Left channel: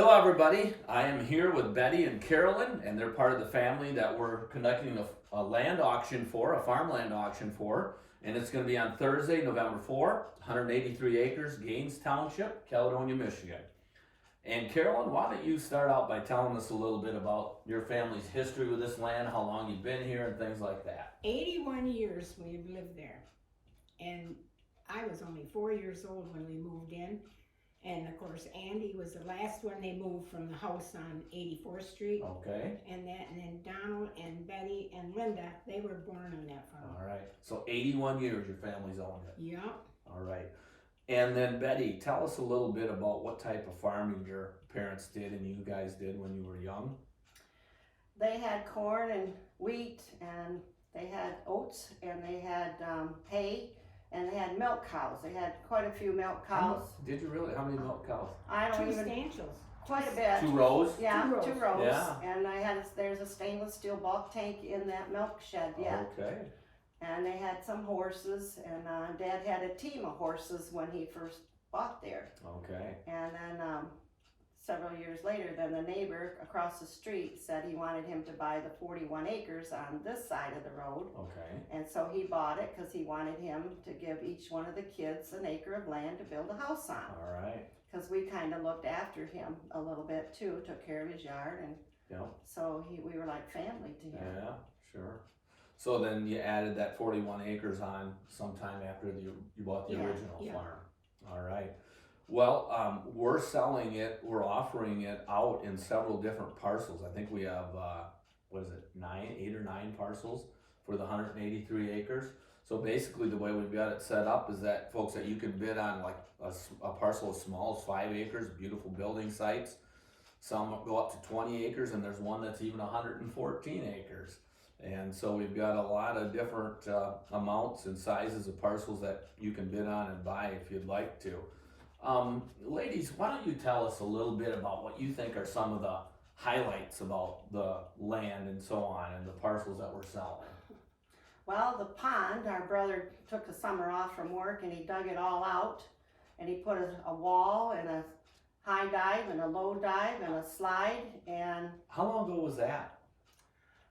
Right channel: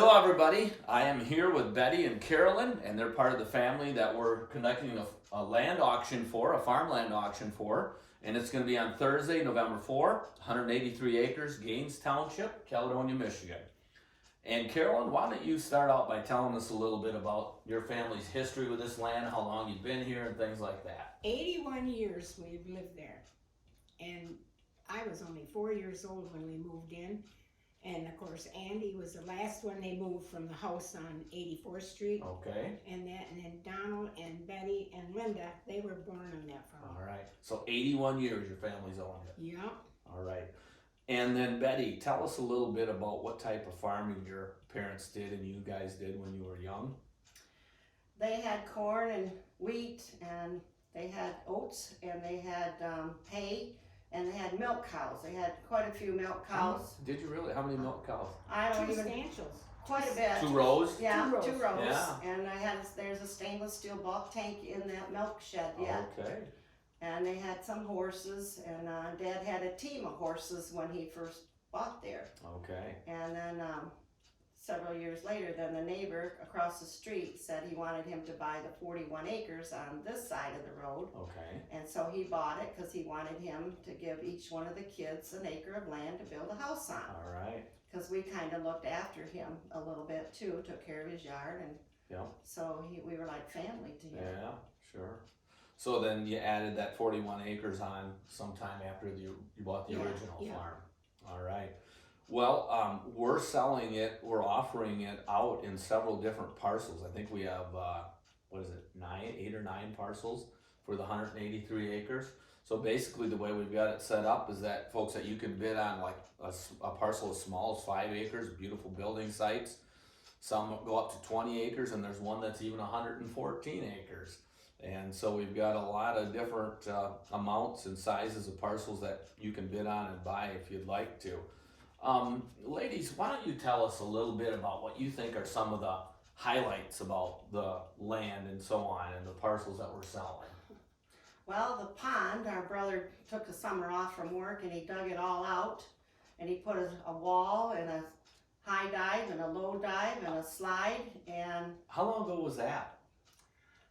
Hello everybody, I am here with Betty and Carolyn, and they're part of the family that we're conducting a land auction for, a farmland auction for, and it's going to be on Thursday, November 4, 183 acres, Gaines Township, Caledonia, Michigan. And Carolyn, why don't you start out by telling us a little bit about your family's history with this land, how long you've been here, and things like that. 81 years we've lived there, and I was only 4 years old when we moved in. And of course, Andy was the last one they moved from the house on 84th Street. Okay. And then Donald and Betty and Linda, they were born on that farm. All right. So 81 years your family's owned it. Yeah. All right. And then Betty, tell us a little bit about what type of farming your parents did and you guys did when you were young. They had corn and wheat, and they had oats, and they had hay, and they had milk cows. They had quite a few milk cows. Did you really? How many milk cows? I don't Two even, substantials. quite a bit. 2 rows? Yeah, Two rows. 2 rows. Yeah. And there's a stainless steel bulk tank in that milk shed, yeah. Okay. And they had some horses, and Dad had a team of horses when he first bought there. Okay. And then several years later, then the neighbor across the street said he wanted him to buy the 41 acres on this side of the road. Okay. And so he bought it because he wanted him to give each one of the kids an acre of land to build a house on. All right. Because we kind of looked after him a little bit too, took care of his yard, and so we were like family to him. Yeah, sure. So then you added that 41 acres on sometime after you bought the original farm. All right. Well, we're selling it, we're offering it out in several different parcels. I think we have, 8 or 9 parcels for the 183 acres. So basically the way we've got it set up is that folks, that you can bid on like a parcel as small as 5 acres, beautiful building sites. Some go up to 20 acres, and there's one that's even 114 acres. And so we've got a lot of different amounts and sizes of parcels that you can bid on and buy if you'd like to. Ladies, why don't you tell us a little bit about what you think are some of the highlights about the land and so on and the parcels that we're selling? Well, the pond, our brother took the summer off from work and he dug it all out, and he put a wall and a high dive and a low dive and a slide. And how long ago was that?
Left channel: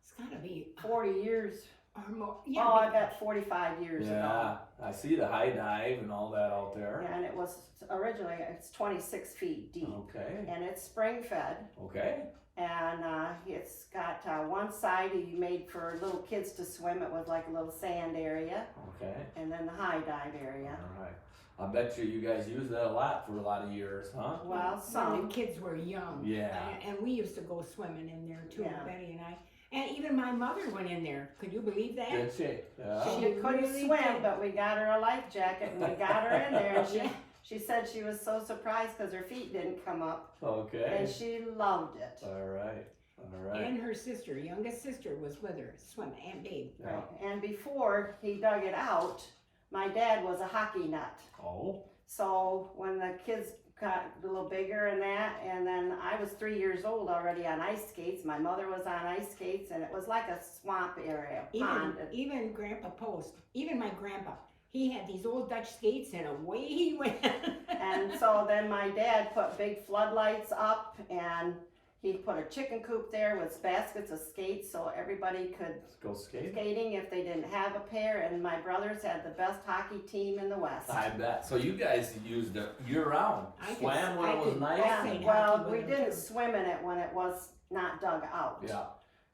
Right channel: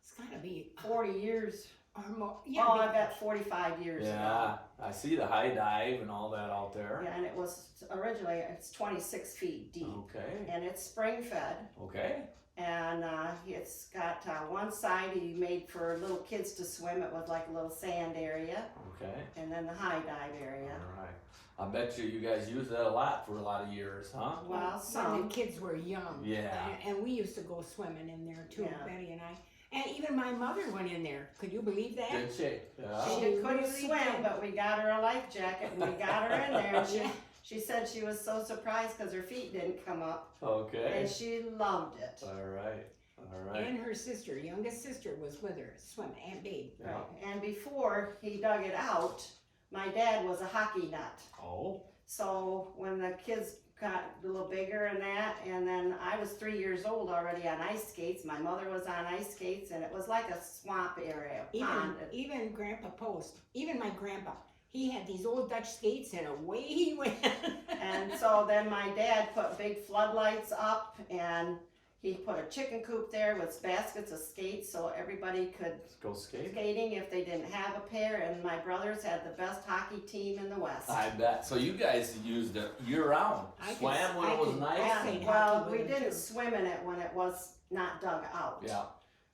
It's gotta be 40 years. or more. Oh, I bet 45 years ago. Yeah, I see the high dive and all that out there. Yeah, and it was originally, it's 26 feet deep. Okay. And it's spring fed. Okay. And it's got one side he made for little kids to swim. It was like a little sand area. Okay. And then the high dive area. All right. I bet you guys used that a lot for a lot of years, huh? Well, when some. the kids were young. Yeah. And we used to go swimming in there too, Yeah. Betty and I. And even my mother went in there. Could you believe that? Good shape. Yeah. She She couldn't really swim, did. but we got her a life jacket and we got her in there. And Yeah. she said she was so surprised because her feet didn't come up. Okay. And she loved it. All right. All right. And her sister, youngest sister, was with her swimming, Aunt Babe. Yeah. Right. And before he dug it out, my dad was a hockey nut. Oh. So when the kids got a little bigger and that, and then I was 3 years old already on ice skates. My mother was on ice skates, and it was like a swamp area, pond. Even Grandpa Post, even my grandpa, he had these old Dutch skates and away he went. And so then my dad put big floodlights up, and he put a chicken coop there with baskets of skates so everybody could Go skate. skating if they didn't have a pair. And my brothers had the best hockey team in the West. I bet. So you guys used it year round. Swam when it was nice. Yeah, played well, hockey we with them, didn't too. swim in it when it was not dug out. Yeah.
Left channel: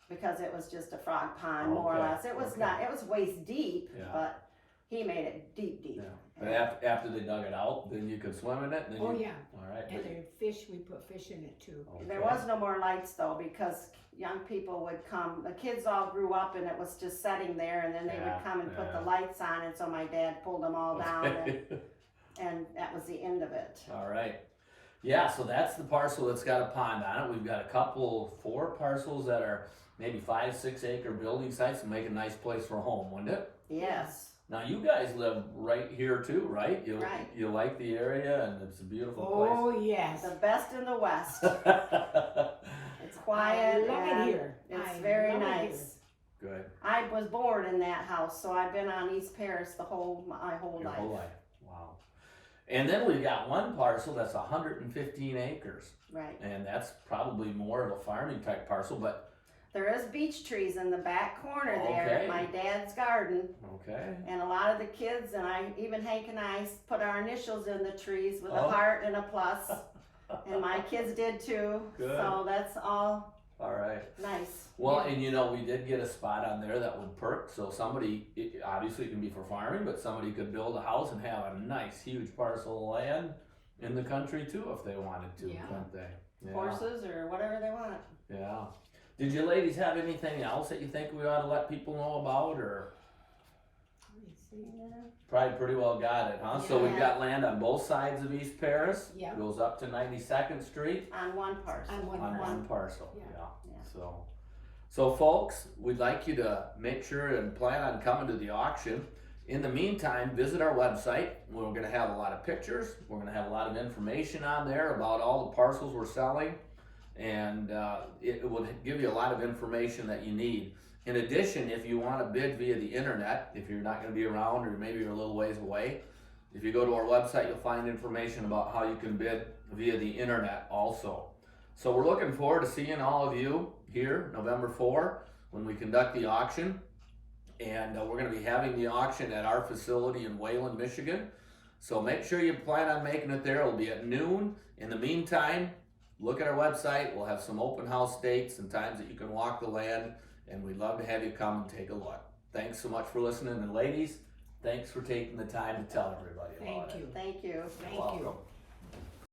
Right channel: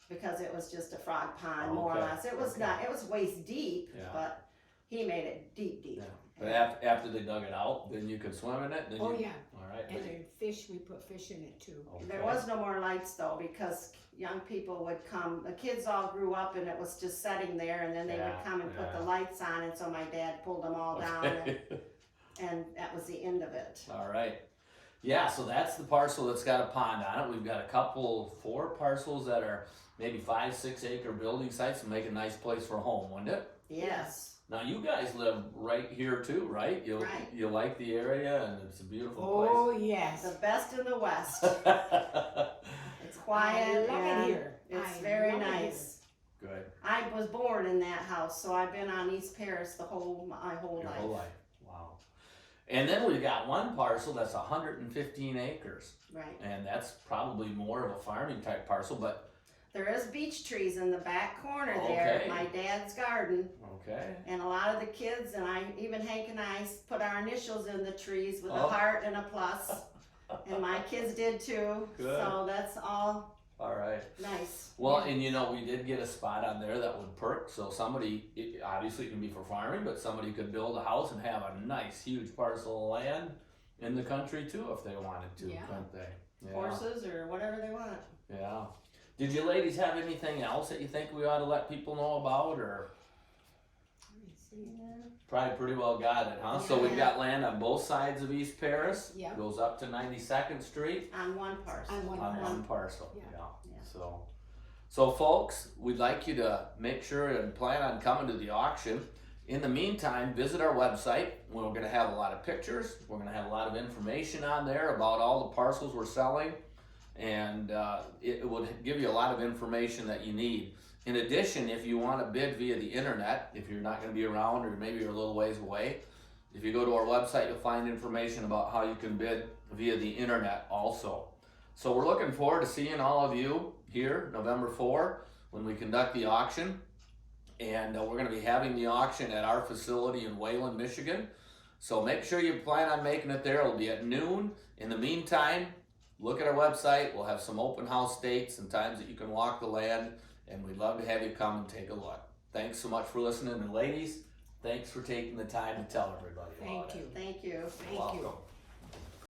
Because it was just a frog pond, more or Okay, less. It was okay. not, it was waist deep, Yeah. but he made it deep. Yeah. But after they dug it out, then you could swim in it. Then Oh you, yeah, All right. and the fish, we put fish in it too. There was no more lights though, because young people would come, the kids all grew up and it was just sitting there, and then they Yeah, would come and put yeah. the lights on, and so my dad pulled them all down, and that was the end of it. All right. Yeah, so that's the parcel that's got a pond on it. We've got a couple, 4 parcels that are maybe 5, 6 acre building sites to make a nice place for a home, wouldn't it? Yes. Now you guys live right here too, right? Right. You like the area and it's a beautiful Oh yes. The best in the West. place. It's quiet. I love and it here. It's I very love it nice. Good. I was born in that house, so I've been on East Paris my whole Your life. whole life. Wow. And then we've got one parcel that's 115 acres, Right. and that's probably more of a farming type parcel, but There is beech trees in the back corner there Okay. at my dad's garden. okay. And a lot of the kids, and even Hank and I put our initials in the trees with Oh. a heart and a plus. And my kids did too. Good. So that's all All right. nice. Well, and you know, we did get a spot on there that would perk, so somebody, obviously it can be for farming, but somebody could build a house and have a nice huge parcel of land in the country too if they wanted to, Yeah. couldn't they? Yeah. Horses or whatever they want. Yeah. Did you ladies have anything else that you think we ought to let people know about, or Let me see. probably pretty well got it, huh? So we've Yeah. got land on both sides of East Paris. Yeah. Goes up to 92nd Street. On one parcel. On one On parcel. one parcel, Yeah. yeah. Yeah. So folks, we'd like you to make sure and plan on coming to the auction. In the meantime, visit our website. We're gonna have a lot of pictures. We're gonna have a lot of information on there about all the parcels we're selling. And it will give you a lot of information that you need. In addition, if you wanna bid via the internet, if you're not gonna be around or maybe you're a little ways away, if you go to our website, you'll find information about how you can bid via the internet also. So we're looking forward to seeing all of you here November 4 when we conduct the auction. And we're going to be having the auction at our facility in Wayland, Michigan. So make sure you plan on making it there. It'll be at noon. In the meantime, look at our website. We'll have some open house dates and times that you can walk the land. And we'd love to have you come and take a look. Thanks so much for listening. And ladies, thanks for taking the time to tell everybody about Thank it. you. Thank you. Thank you. Welcome.